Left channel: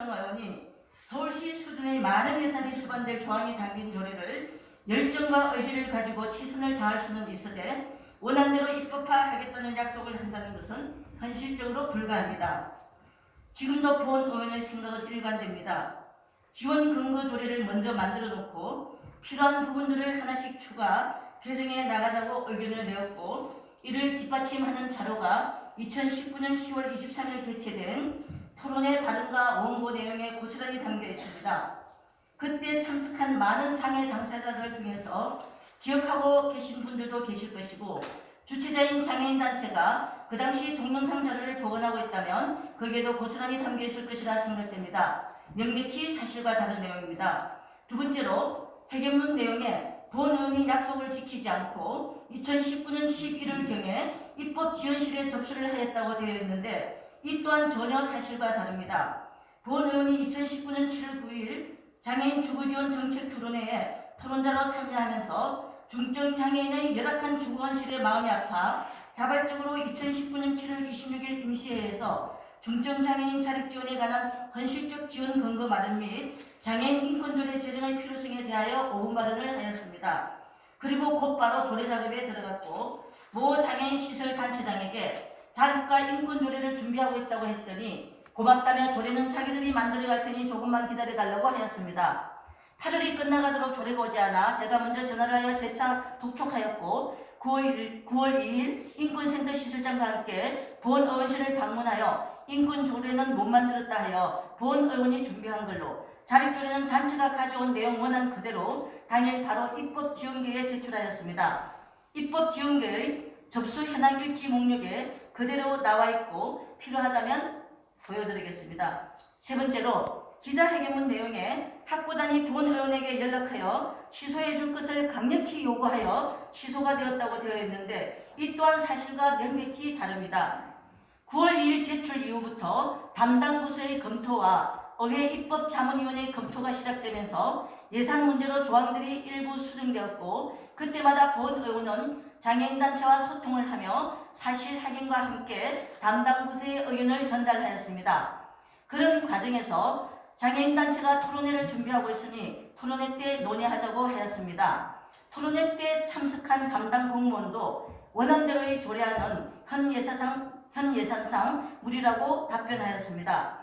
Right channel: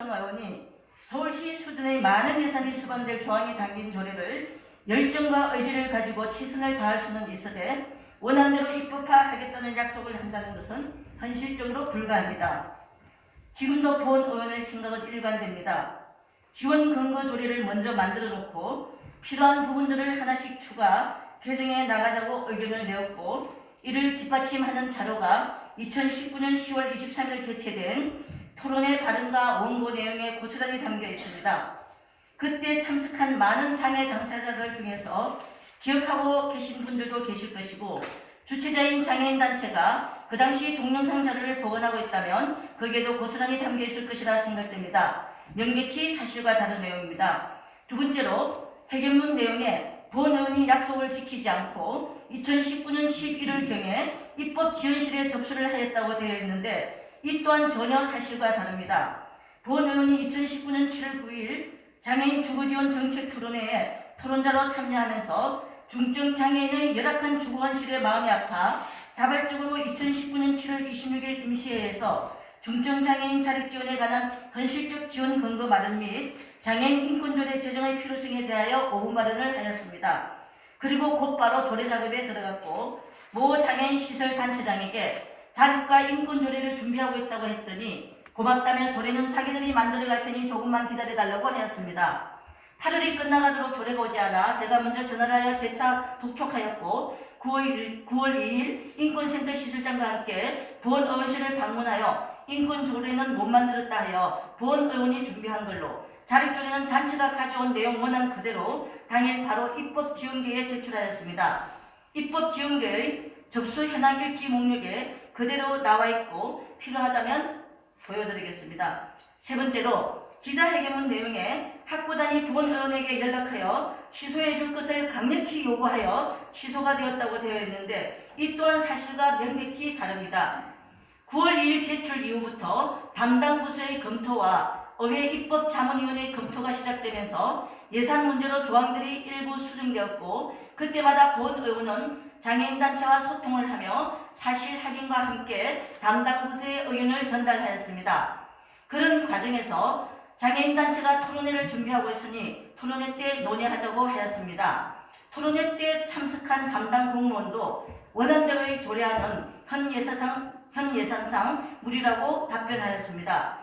의원이 서울시 수준의 많은 예산이 수반될 조항이 담긴 조례를 열정과 의지를 가지고 최선을 다할 수는 있으되 원안대로 입법화하겠다는 약속을 한다는 것은 현실적으로 불가합니다. 지금도 본 의원의 생각은 일관됩니다. 지원 근거 조례를 먼저 만들어 놓고 필요한 부분들을 하나씩 추가 개정해 나가자고 의견을 내었고, 이를 뒷받침하는 자료가 2019년 10월 23일 개최된 토론회 발언과 원고 내용에 고스란히 담겨 있습니다. 그때 참석한 많은 장애 당사자들 중에서 기억하고 계신 분들도 계실 것이고, 주최자인 장애인단체가 그 당시 동영상 자료를 보관하고 있다면 거기에도 고스란히 담겨 있을 것이라 생각됩니다. 명백히 사실과 다른 내용입니다. 두 번째로, 해결문 내용에 본 의원이 약속을 지키지 않고 2019년 11월경에 입법지원실에 접수를 하였다고 되어 있는데, 이 또한 전혀 사실과 다릅니다. 본 의원이 2019년 7월 9일 장애인 주거지원 정책 토론회에 토론자로 참여하면서 중증장애인의 열악한 주거환실에 마음이 아파 자발적으로 2019년 7월 26일 임시회에서 중증장애인 자립지원에 관한 현실적 지원 근거 마련 및 장애인 인권조례 제정의 필요성에 대하여 오후 발언을 하였습니다. 그리고 곧바로 조례 작업에 들어갔고, 모 장애인 시설 단체장에게 자립과 인권조례를 준비하고 있다고 했더니 고맙다며 조례는 자기들이 만들어갈 테니 조금만 기다려달라고 하였습니다. 8월이 끝나가도록 조례가 오지 않아 제가 먼저 전화를 하여 재차 독촉하였고, 9월 2일 인권센터 시설장과 함께 본 의원실을 방문하여 인권조례는 못 만들었다 하여 본 의원이 준비한 걸로, 자립조례는 단체가 가져온 내용 원안 그대로 당일 바로 입법지원계에 제출하였습니다. 입법지원계의 접수 현황 일지 목록에 그대로 나와 있고 필요하다면 보여드리겠습니다. 세 번째로, 기자회견문 내용에 학구단이 본 의원에게 연락하여 취소해 줄 것을 강력히 요구하여 취소가 되었다고 되어 있는데, 이 또한 사실과 명백히 다릅니다. 9월 2일 제출 이후부터 담당 부서의 검토와 의회 입법자문위원회의 검토가 시작되면서 예산 문제로 조항들이 일부 수정되었고, 그때마다 본 의원은 장애인단체와 소통을 하며 사실 확인과 함께 담당 부서의 의견을 전달하였습니다. 그런 과정에서 장애인단체가 토론회를 준비하고 있으니 토론회 때 논의하자고 하였습니다. 토론회 때 참석한 담당 공무원도 원안대로의 조례안은 현 예산상 무리라고 답변하였습니다.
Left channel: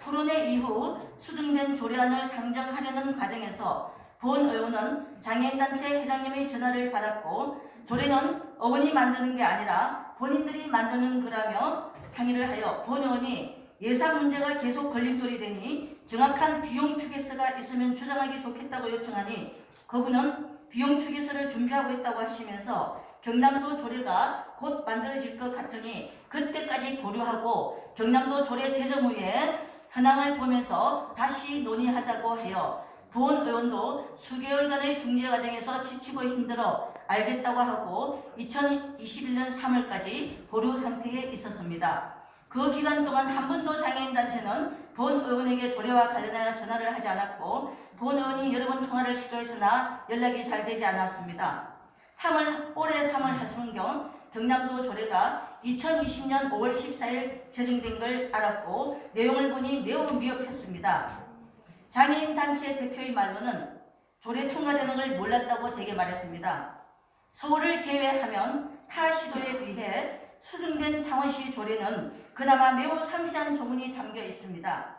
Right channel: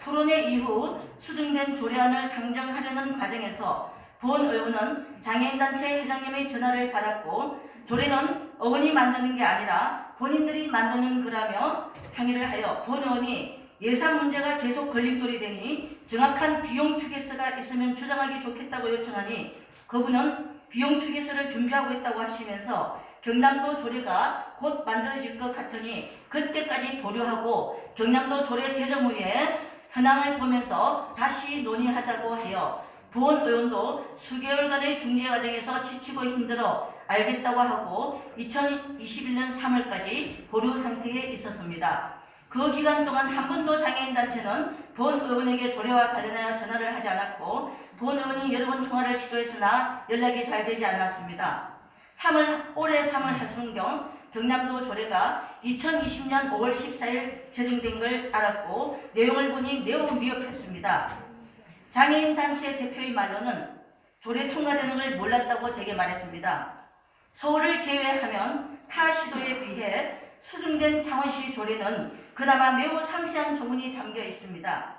토론회 이후 수정된 조례안을 상정하려는 과정에서 본 의원은 장애인단체 회장님의 전화를 받았고, 조례는 의원이 만드는 게 아니라 본인들이 만드는 거라며 항의를 하여 본 의원이 예산 문제가 계속 걸림돌이 되니 정확한 비용 추계서가 있으면 주장하기 좋겠다고 요청하니, 그분은 비용 추계서를 준비하고 있다고 하시면서 경남도 조례가 곧 만들어질 것 같으니 그때까지 보류하고 경남도 조례 제정 후에 현황을 보면서 다시 논의하자고 해요. 본 의원도 수개월간의 중재 과정에서 지치고 힘들어 알겠다고 하고 2021년 3월까지 보류 상태에 있었습니다. 그 기간 동안 한 번도 장애인단체는 본 의원에게 조례와 관련하여 전화를 하지 않았고, 본 의원이 여러 번 통화를 시도했으나 연락이 잘 되지 않았습니다. 올해 3월 하순경 경남도 조례가 2020년 5월 14일 제정된 걸 알았고, 내용을 보니 매우 미흡했습니다. 장애인단체 대표의 말로는 조례 통과되는 걸 몰랐다고 제게 말했습니다. 서울을 제외하면 타 시도에 비해 수정된 창원시 조례는 그나마 매우 상세한 조문이 담겨 있습니다.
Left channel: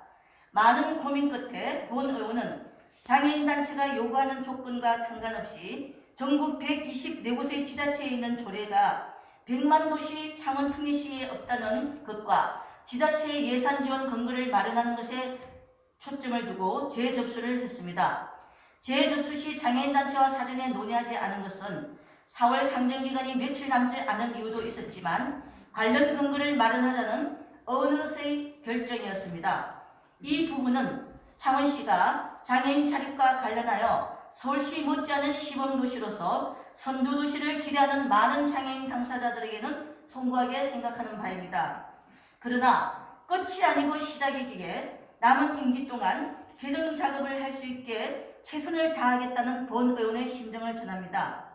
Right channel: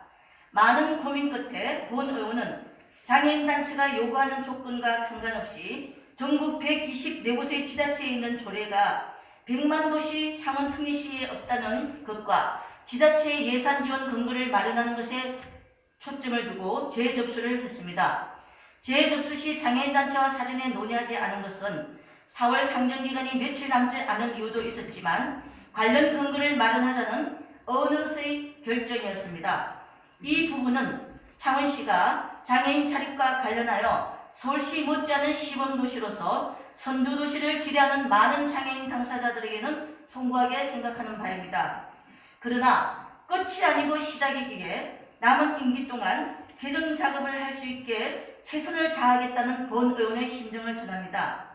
많은 고민 끝에 본 의원은 장애인단체가 요구하는 조건과 상관없이 전국 124곳의 지자체에 있는 조례가 100만 도시 창원 특례시에 없다는 것과 지자체의 예산 지원 근거를 마련하는 것에 초점을 두고 재접수를 했습니다. 재접수 시 장애인단체와 사전에 논의하지 않은 것은 4월 상정기간이 며칠 남지 않은 이유도 있었지만 관련 근거를 마련하자는 어느새의 결정이었습니다. 이 부분은 창원시가 장애인 자립과 관련하여 서울시 못지않은 시범도시로서 선두도시를 기대하는 많은 장애인 당사자들에게는 송구하게 생각하는 바입니다. 그러나 끝이 아니고 시작이기에 남은 임기 동안 개정 작업을 할 수 있게 최선을 다하겠다는 본 의원의 심정을 전합니다.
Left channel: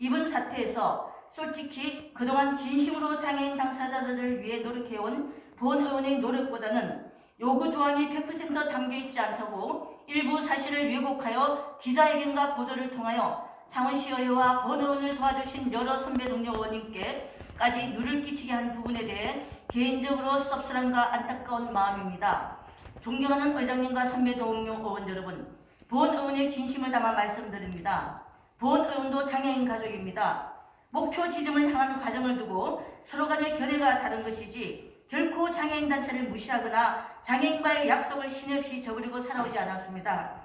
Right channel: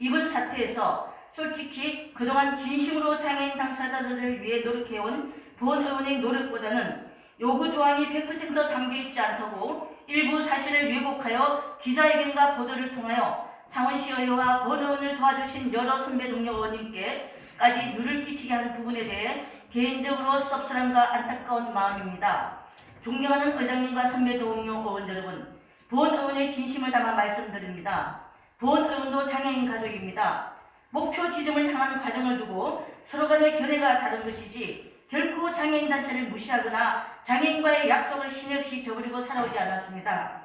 이번 사태에서 솔직히 그동안 진심으로 장애인 당사자들을 위해 노력해온 본 의원의 노력보다는 요구 조항이 100% 담겨 있지 않다고 일부 사실을 왜곡하여 기자회견과 보도를 통하여 창원시 의회와 본 의원을 도와주신 여러 선배 동료 의원님께까지 누를 끼치게 한 부분에 대해 개인적으로 섭섭함과 안타까운 마음입니다. 존경하는 의장님과 선배 동료 의원 여러분, 본 의원의 진심을 담아 말씀드립니다. 본 의원도 장애인 가족입니다. 목표 지점을 향하는 과정을 두고 서로 간의 견해가 다른 것이지 결코 장애인 단체를 무시하거나 장애인과의 약속을 신의 없이 저버리고 살아오지 않았습니다.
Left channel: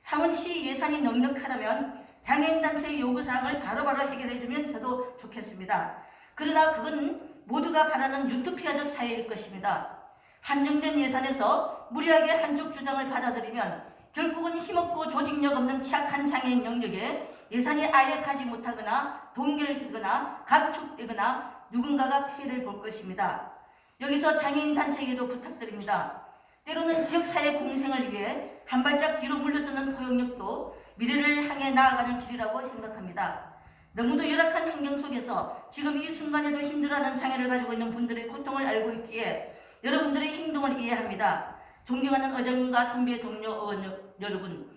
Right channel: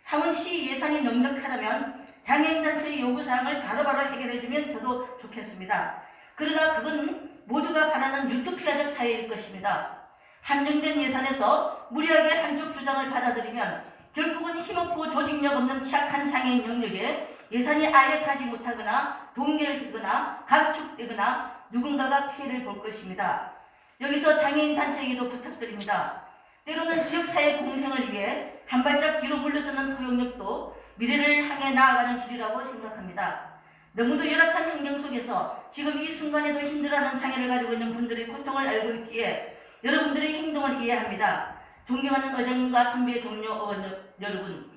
창원시 예산이 넉넉하다면 장애인 단체의 요구사항을 바로바로 해결해주면 저도 좋겠습니다. 그러나 그건 모두가 바라는 유토피아적 사회일 것입니다. 한정된 예산에서 무리하게 한쪽 주장을 받아들이면 결국은 힘없고 조직력 없는 취약한 장애인 영역에 예산이 아예 가지 못하거나 동결되거나 감축되거나 누군가가 피해를 볼 것입니다. 여기서 장애인 단체에게도 부탁드립니다. 때로는 지역사회 공생을 위해 한 발짝 뒤로 물러서는 포용력도 미래를 향해 나아가는 길이라고 생각합니다. 너무도 열악한 환경 속에서 지금 이 순간에도 힘들어하는 장애를 가지고 있는 분들의 고통을 알고 있기에 여러분들의 행동을 이해합니다. 존경하는 의장님과 선배 동료 의원 여러분,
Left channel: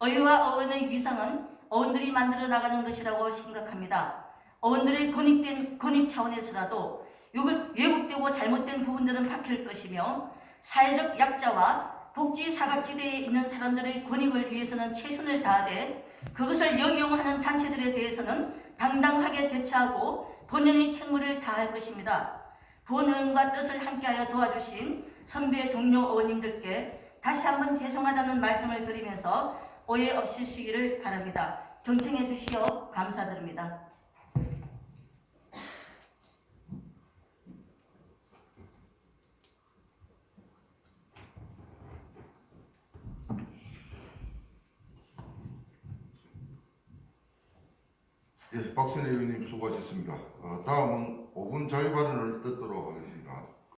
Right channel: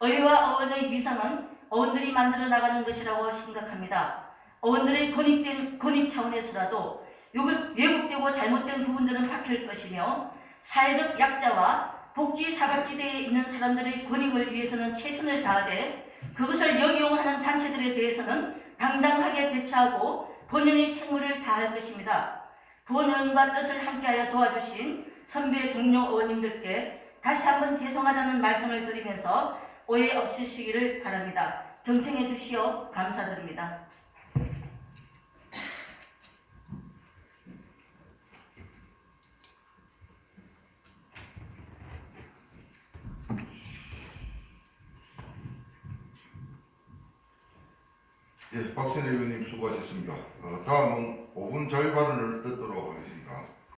의회와 의원의 위상은 의원들이 만들어 나가는 것이라고 생각합니다. 의원들의 권익 차원에서라도 왜곡되고 잘못된 부분들은 바뀔 것이며 사회적 약자와 복지 사각지대에 있는 사람들의 권익을 위해서는 최선을 다하되 그것을 역용하는 단체들에 대해서는 당당하게 대처하고 본연의 책무를 다할 것입니다. 본 의원과 뜻을 함께하여 도와주신 선배 동료 의원님들께 다시 한번 죄송하다는 말씀을 드리면서 오해 없으시기를 바랍니다. 경청해 주시어 감사드립니다. 예, 박선희 의원님 수고하셨습니다. 다음은 5분 자유발언을 듣도록 하겠습니다.